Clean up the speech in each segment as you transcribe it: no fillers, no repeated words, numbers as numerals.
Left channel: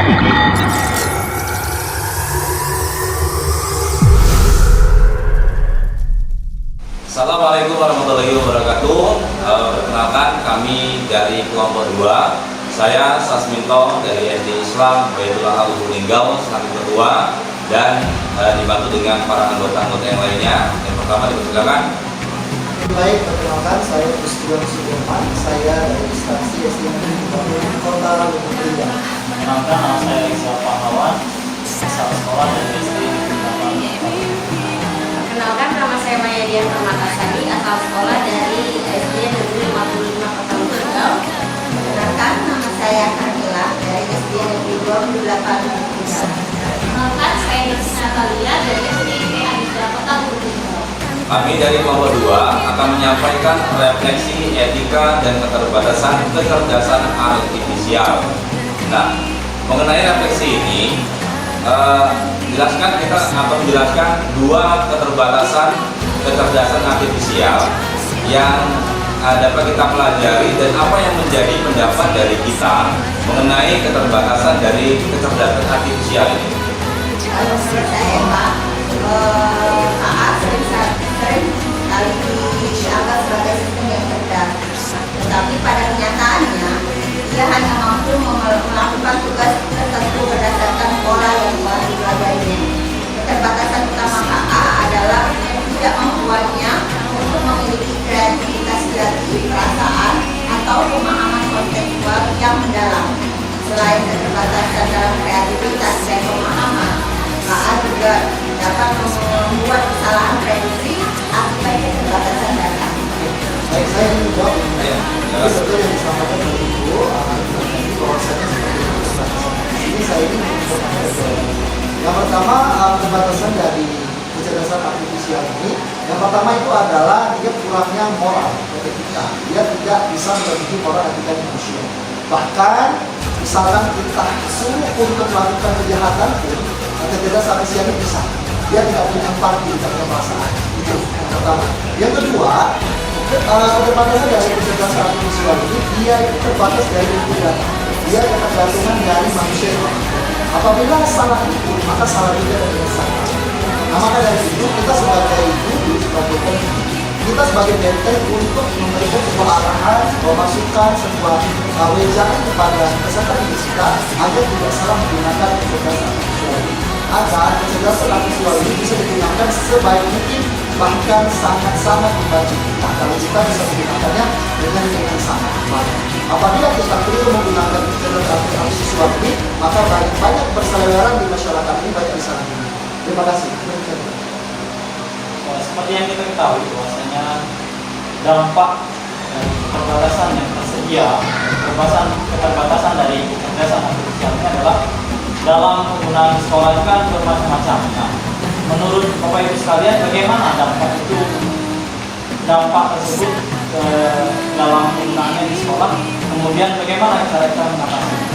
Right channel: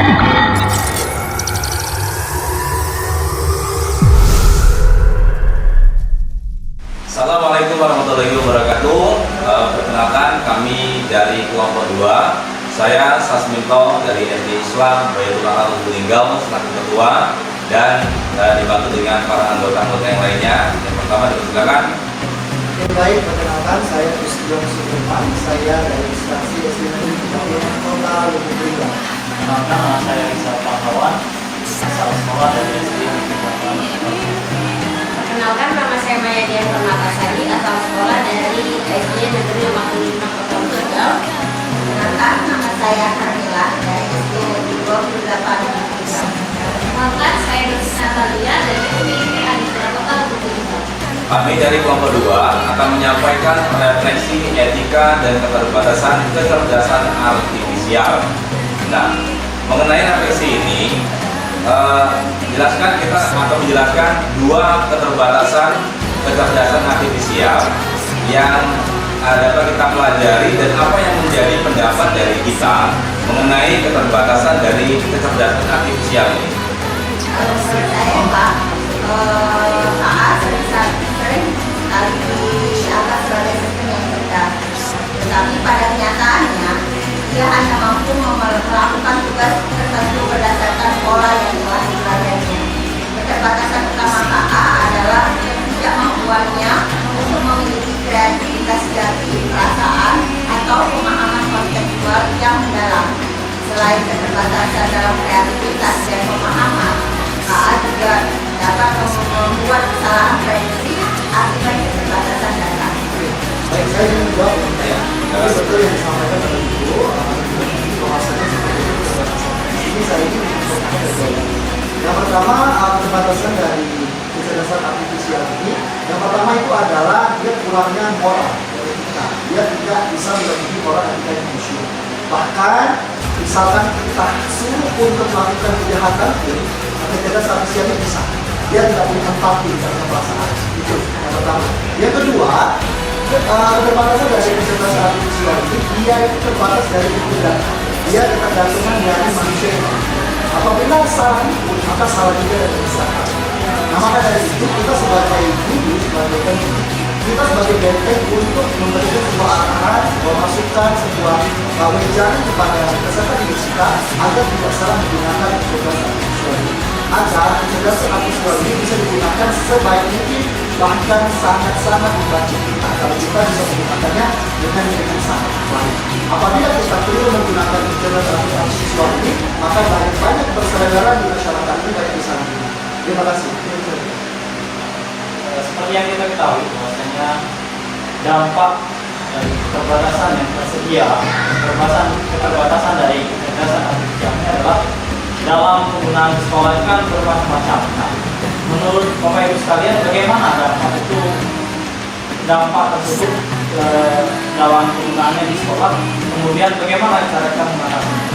Assalamualaikum warahmatullahi wabarakatuh. Perkenalkan, kami dari kelompok 2. Saya Sasminto dari SD Islam Baitullah Al-Linggau selaku ketua dan dibantu dengan para anggota-anggota yang lainnya. Yang pertama dipersilakan. Baik, perkenalkan saya Gustian Sudirman. Saya dari instansi SD Negeri Kabupaten Kota Lubuk Linggau. Nama saya Isa Pahlawan, asal sekolah dari SD Negeri. Perkenalkan, nama saya Maya Dian Permatasari, asal sekolah dari SD Negeri 55 Kota Linggau. Perkenalkan, nama saya Carmila dari SD Negeri 28 Linggau. Perkenalkan, saya Nisa Talia dari SD Aditya Kota Linggau. Kami dari kelompok 2 akan menyampaikan refleksi etika dan keterbatasan kecerdasan artifisial. Nah, mengenai refleksi ini, menjelaskan dua keterbatasan kecerdasan artifisial yang dapat kita pelajari dan apa yang menjadi pendapat dari kita mengenai keterbatasan dari kecerdasan artifisial ini. Kalau menurut saya, Pak, saat sering kali dianggap sebagai sistem yang cerdas, tetapi pada kenyataannya dia hanya mampu melakukan tugas tertentu berdasarkan pola yang telah dipelajarinya. Keterbatasan utama KA adalah ketidakmampuannya untuk memiliki kreativitas hati, perasaan, atau pemahaman konseptual yang mendalam. Selain keterbatasan dalam kreativitas dan pemahaman, KA juga dapat membuat kesalahan prediksi akibat keterbatasan data. Baik, saya ingin menjawab ini. Jadi betul yang disampaikan oleh Ibu, bahwasanya seperti itu keterbatasan. Ini saya ingin mencoba jawab. Yang pertama, keterbatasan dari kecerdasan artifisial ini, yang pertama itu adalah dia kurangnya moral dan etika. Dia tidak bisa memiliki moral dan etika manusia. Bahkan, misalkan kita suruh untuk melakukan kejahatan pun, kecerdasan artifisial ini bisa. Dia tidak punya empati, tidak punya perasaan. Itu yang pertama. Yang kedua, keterbatasan dari kecerdasan artifisial ini, dia itu terbatas dari kecerdasan. Dia ketergantungan dari manusia. Apabila salah itu, maka salah juga dari salah. Nah, maka dari itu kita sebagai guru, kita sebagai benteng untuk memberikan sebuah arahan, sebuah masukan, sebuah wejangan kepada peserta didik kita agar tidak salah menggunakan kecerdasan artifisial ini. Agar kecerdasan artifisial ini bisa digunakan sebaik mungkin, bahkan sangat-sangat membantu kita kalau kita bisa menggunakannya dengan yang sangat baik. Apabila kita perlu menggunakan kecerdasan artifisial ini, maka banyak perselenggaran di masyarakat ini banyak disalahgunakan. Terima kasih. Seperti yang kita ketahui, bahwasanya dampak dari keterbatasan yang tersedia, keterbatasan dari kecerdasan artifisial ini adalah dalam penggunaan sekolah itu kan bermacam-macam. Nah, menurut Bapak Ibu sekalian, bagaimana dampak tersebut dalam penggunaannya di sekolah? Kemudian bagaimana cara kita mengatasinya?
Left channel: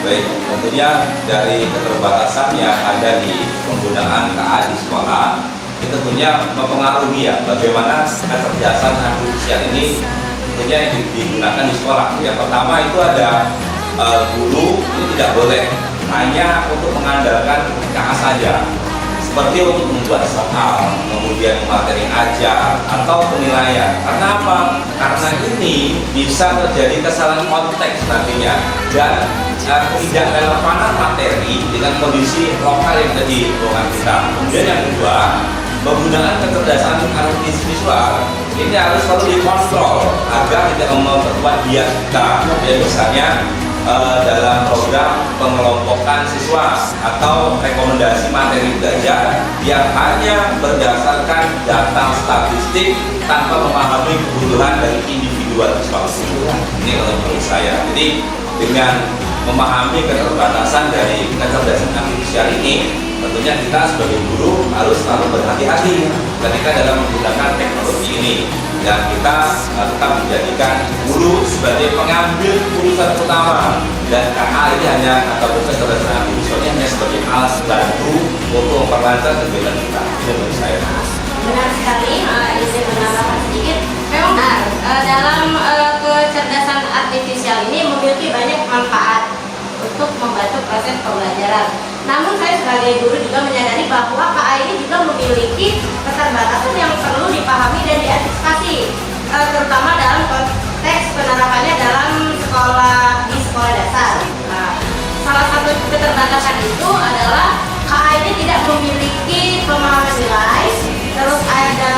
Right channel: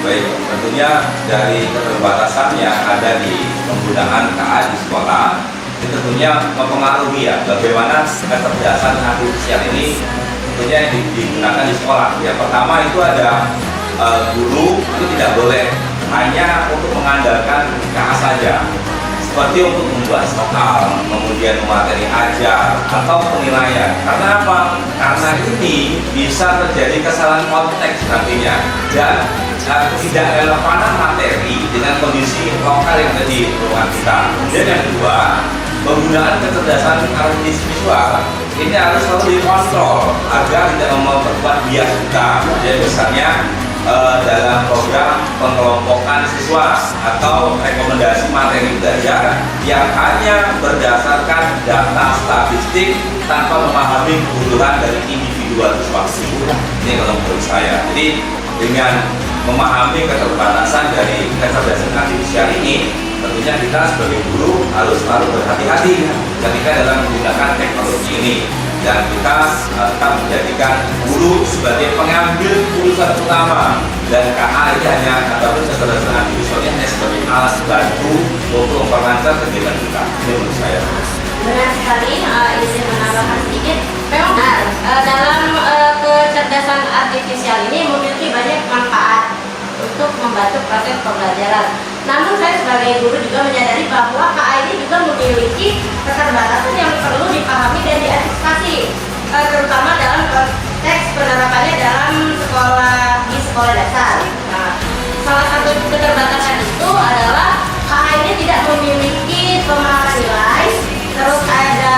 Baik, tentunya dari keterbatasan yang ada di penggunaan KA di sekolah, itu tentunya mempengaruhi ya bagaimana kecerdasan artifisial ini tentunya yang digunakan di sekolah. Yang pertama itu ada guru itu tidak boleh hanya untuk mengandalkan KA saja, seperti untuk membuat soal, kemudian materi ajar atau penilaian. Karena apa? Karena ini bisa terjadi kesalahan konteks nantinya dan tidak relevanan materi dengan kondisi lokal yang ada di lingkungan kita. Kemudian yang kedua, penggunaan kecerdasan artifisial ini harus selalu dikontrol agar tidak memperkuat bias kita. Jadi misalnya dalam program pengelompokan siswa atau rekomendasi materi belajar yang hanya berdasarkan data statistik tanpa memahami kebutuhan dari individual siswa tersebut. Ini kalau menurut saya. Jadi dengan memahami keterbatasan dari kecerdasan artifisial ini, tentunya kita sebagai guru harus selalu berhati-hati ketika dalam menggunakan teknologi ini. Dan kita tetap menjadikan guru sebagai pengambil keputusan utama, dan KA ini hanya ataupun kecerdasan artifisialnya hanya sebagai alat bantu untuk memperlancar kegiatan kita. Ini menurut saya. Benar sekali, izin menambahkan sedikit. Memang dalam kecerdasan artifisial ini memiliki banyak manfaat untuk membantu proses pembelajaran. Namun saya sebagai guru juga menyadari bahwa KA ini juga memiliki keterbatasan yang perlu dipahami dan diantisipasi, terutama dalam konteks penerapannya dalam di sekolah dasar. Nah, salah satu keterbatasan itu adalah KA ini tidak memiliki pemahaman nilai, terus ada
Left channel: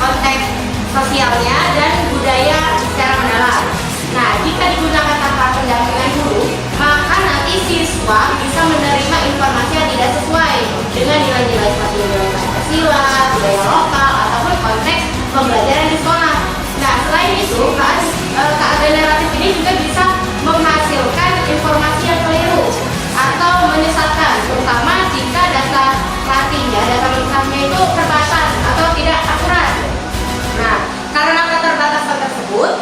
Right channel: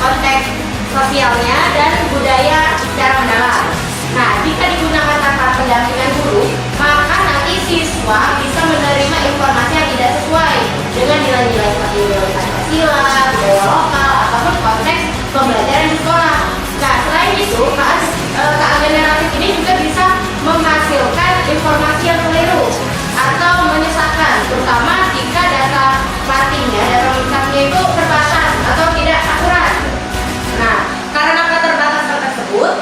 konteks sosialnya dan budaya secara mendalam. Nah, jika digunakan tanpa pendampingan guru, maka nanti siswa bisa menerima informasi yang tidak sesuai dengan nilai-nilai seperti nilai Pancasila, budaya lokal, ataupun konteks pembelajaran di sekolah. Nah, selain itu, KA generatif ini juga bisa menghasilkan informasi yang keliru atau menyesatkan, terutama jika data latihnya itu terbatas atau tidak akurat. Nah, karena keterbatasan tersebut,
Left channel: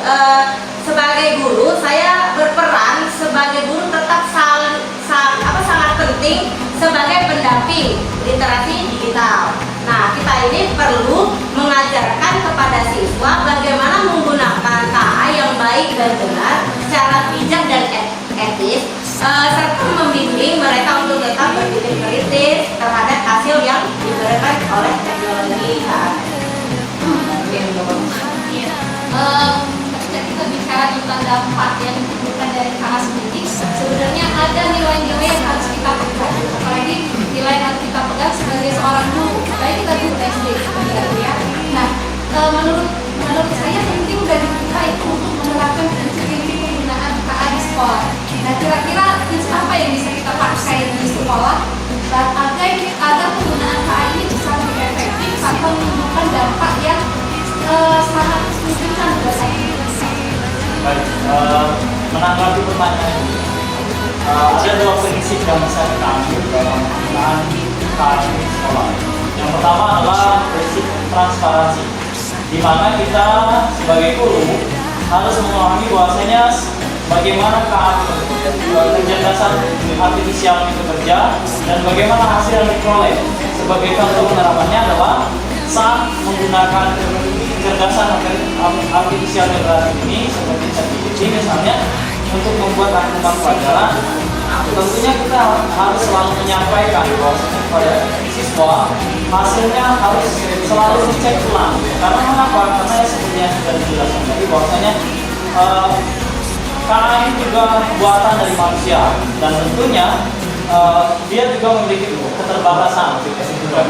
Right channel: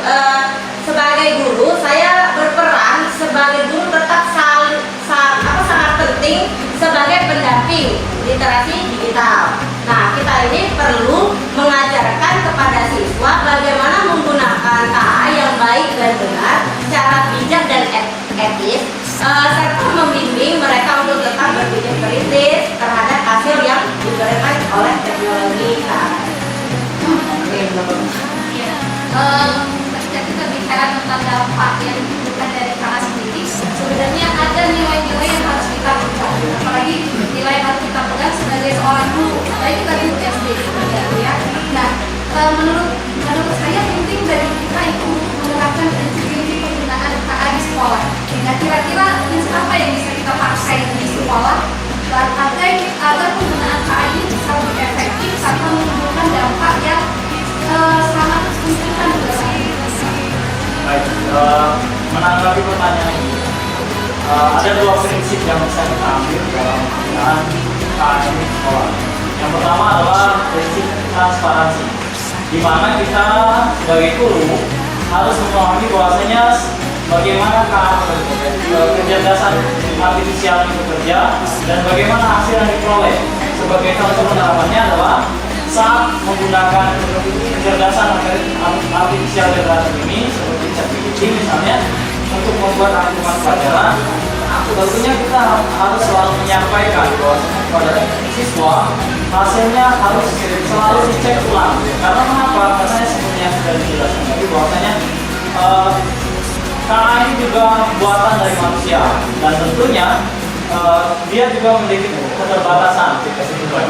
sebagai guru saya berperan sebagai guru tetap sangat penting sebagai pendamping literasi digital. Nah, kita ini perlu mengajarkan kepada siswa bagaimana menggunakan KA yang baik dan benar, secara bijak dan etis, serta membimbing mereka untuk tetap berpikir kritis terhadap hasil yang diberikan oleh teknologi KA. Ketika kita bicara tentang dampak yang ditimbulkan dari KA sendiri, sebenarnya ada nilai-nilai yang harus kita pegang, apalagi nilai yang harus kita pegang sebagai seorang guru, baik kita guru SD gitu ya. Nah, menurut saya penting dari kita itu untuk menerapkan prinsip-prinsip penggunaan KA di sekolah. Nah, kira-kira prinsip apa yang bisa kita pakai di sekolah dan agar penggunaan KA ini bisa lebih efektif tanpa menimbulkan dampak yang sangat signifikan buat saya. Baik, menanggapi pertanyaan ini, ada dua prinsip yang bisa kita ambil dalam penggunaan KA di sekolah. Yang pertama adalah prinsip transparansi, di mana kita sebagai guru harus memahami bahwasanya bagaimana KA kecerdasan artifisial itu bekerja dan bagaimana hasil yang diperoleh. Sebagai contoh penerapannya adalah saat menggunakan kecerdasan artifisial generatif ini seperti ChatGPT misalnya untuk membuat angkutan pelajaran, tentunya kita harus selalu menyampaikan kepada siswa hasilnya harus selalu dicek ulang. Karena mengapa? Karena seperti yang sudah dijelaskan tadi bahwasanya KA ini juga buatan dari manusia dan tentunya dia juga memiliki keterbatasan.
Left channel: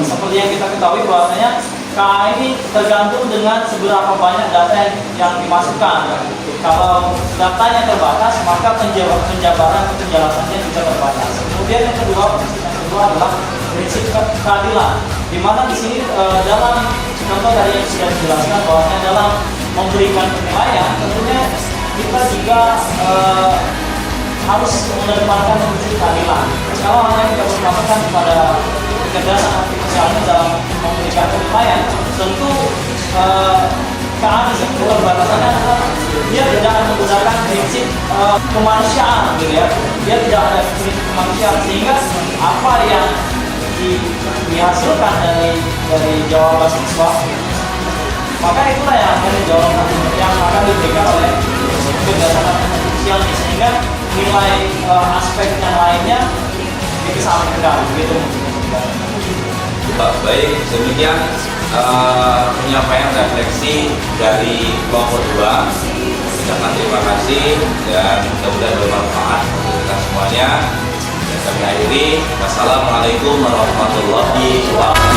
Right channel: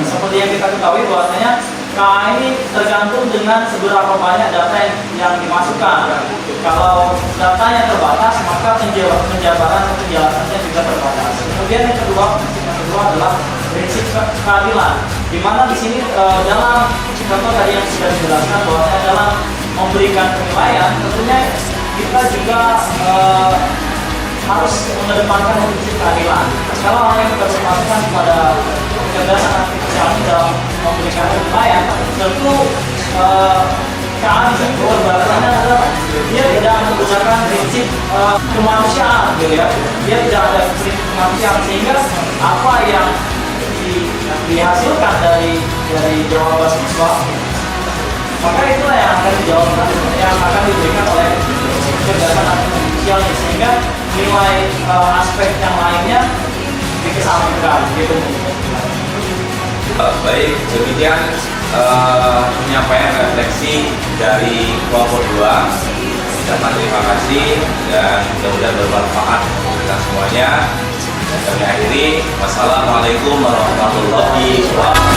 Seperti yang kita ketahui bahwasanya KA ini tergantung dengan seberapa banyak data yang dimasukkan. Kalau datanya terbatas, maka penjabaran penjelasannya juga terbatas. Kemudian yang kedua adalah prinsip keadilan, di mana di sini dalam contoh tadi yang sudah dijelaskan bahwa dalam memberikan penilaian, tentunya kita juga harus mengedepankan prinsip keadilan. Kalau apa yang kita berpatokan kepada kecerdasan artifisial dalam memberikan penilaian, tentu KA di sini perbatasannya adalah dia tidak menggunakan prinsip kemanusiaan, gitu ya. Dia tidak ada prinsip kemanusiaan, sehingga apa yang dihasilkan dari jawaban siswa, maka itulah yang akan dijawab, yang akan diberikan oleh kecerdasan artifisial, sehingga nilai aspek yang lainnya dikesampingkan, gitu. Baik, demikian penyampaian refleksi dari kelompok 2. Terima kasih dan mudah-mudahan bermanfaat untuk kita semuanya. Kami akhiri. Wassalamualaikum warahmatullahi wabarakatuh.